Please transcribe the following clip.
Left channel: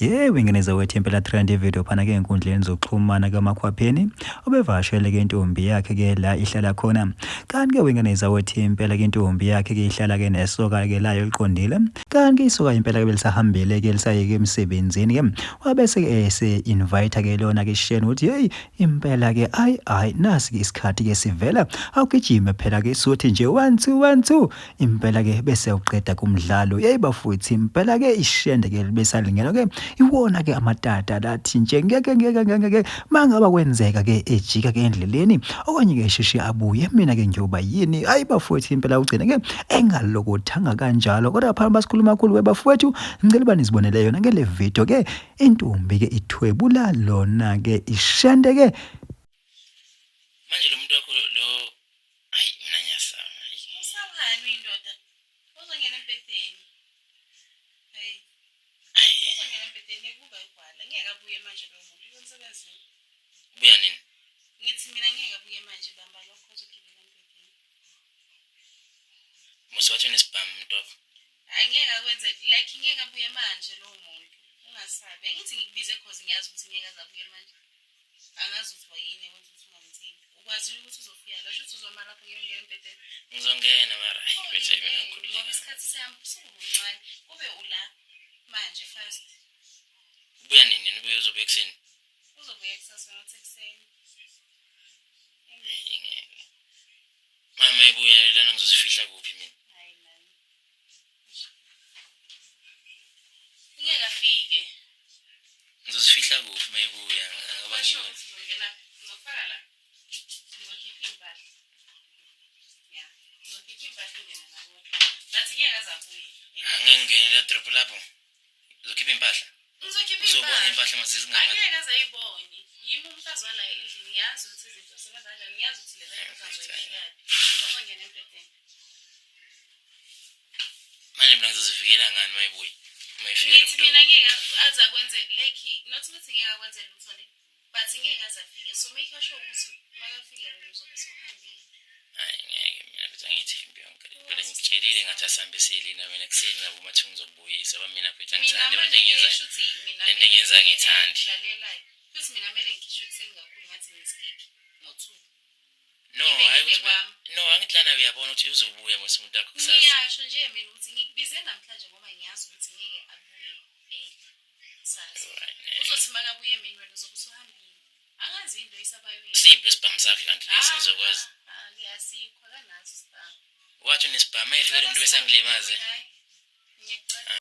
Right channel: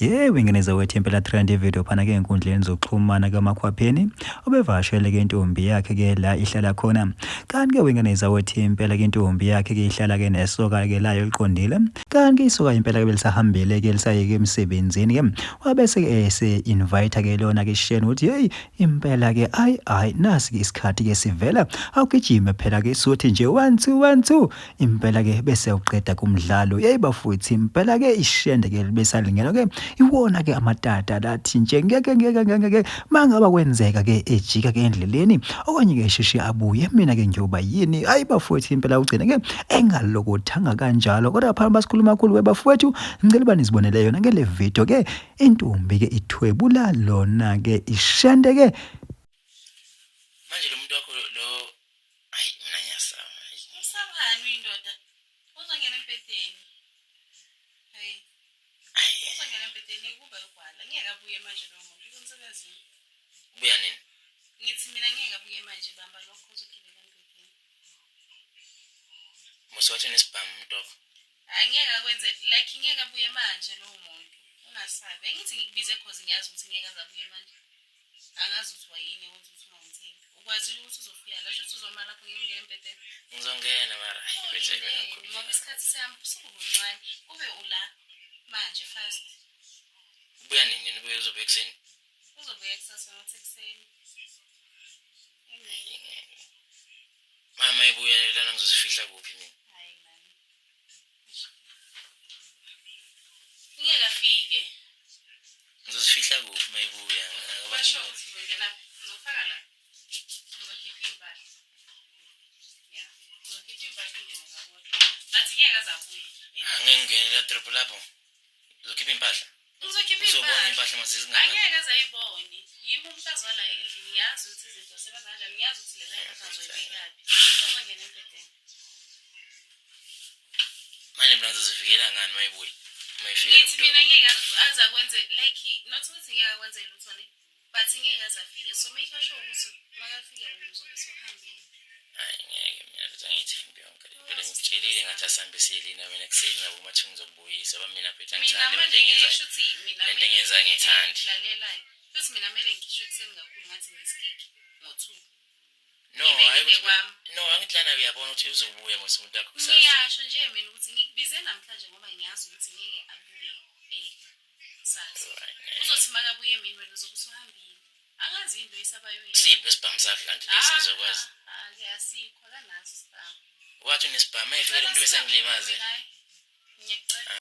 Yebo, ingeneza wethu impela trend video phana ke enkundleni zokuxhumana kaMakhwapheni obevashele ke intombi yakhe ke la ihlala khona. Kanti ke wingeneza wethu impela ke intombi yakhe ke ihlala ke nesoka ke layo liqondile. Kanti ke isoka impela ke belisahambele ke lisayeke emsebenzini ke. Wabese ke se invite ke lona ke Shane uthi hey impela ke ayi nasi ke isikhathi ke sivela awugijime phela ke suthi nje 1 2 1 2 impela ke bese uqeda kumdlalo. Hey bafowethu impela ke ishende ke besalingena ke iwona ke amatata lathi nje ngeke mangaba kwenzeka ke ejika ke endleleni okanye ke shishi abuye mina ke ngiyoba yini hayi bafowethu impela ugcina ke engalokothanga kanjalo kodwa phana basikhuluma kakhulu webafowethu ngicela bani zibonele yona ke le video ke intombi ke ithwebula lona ke ishende ke manje lo muntu wakho lo hayi mina ngiyasaba usawani indoda uzongena empedeni hey uzongena empedeni kuba igwala ngeke abuye manje lo muntu umsebenzini ubuya nini ngithi mina ngeke abuye manje bamba lokho uzogibela empedeni muswathi nesibhamu umuntu wakho angeke akwenze like ngeke abuye manje lo muntu ungasabi engithi ngikubize cause ngiyazi ukuthi ngeke azabuye manje angazi ukuthi wayini wenza ukuthi ungangithembi ukwazi ukuthi uzofika la shothi uzoma lapho ngiyongena empedeni ngizongena mara bese ngoba isikhathi sihamba usukuncane kube ula manje fast ubuya nini ubuye uzobuya kuseni uzobuya kusasa ngothekuseni mama ibuya lana ngizosifihla kuphi mina hayi man ngeke afike ngizosifihla kuphi mayibuya abanye ngena ngizofaka la ngizokhipha impahla ya ngizokhipha impahla ngene ngabo bathi ngeke azabuye angengenela drop lapho uzokhipha impahla ngizokhipha uzobona impahla masizingapha angeke azayibone yimi umfazi wala endlini ngiyazi ukuthi izinto sebenza kanjani ngiyazi ukuthi leza impahla ngizoyibekaphi uzongena empedeni manje mina ngizozivikela ngani mayibuya ngithi mina ngeke azakwenze like not ukuthi ngeke akwenze lutho le but ngeke azafike so make sure ukuthi makafike wena uzobe sohambile hayi ngeke mina ukuthi angithembi yonke phela ngitshelile ngathi asambe selina mina kuseni ngabo mathi ngizokubuyisa ba mina phethe ngithanda mina manje ngenza ngithandi lalelayo futhi mina mele ngisho kuseni kakhulu ngathi ngisikiki ngo2 no angithi lana uyabona ukuthi uzobuya mase umuntu wakho kusasa ngiyasho nje mina ukuthi ngikubize namhlanje ngoba ngiyazi ukuthi ngeke abuye kusasa uzothi makabuye mina wena uzobe usuhambile angazi into isabayoyini sipho isibhamu sakhe lanti lesizokwazi asikho kanazi isibhamu wathi unesibhamu ayifike lo muntu besangilimaze ngiyacela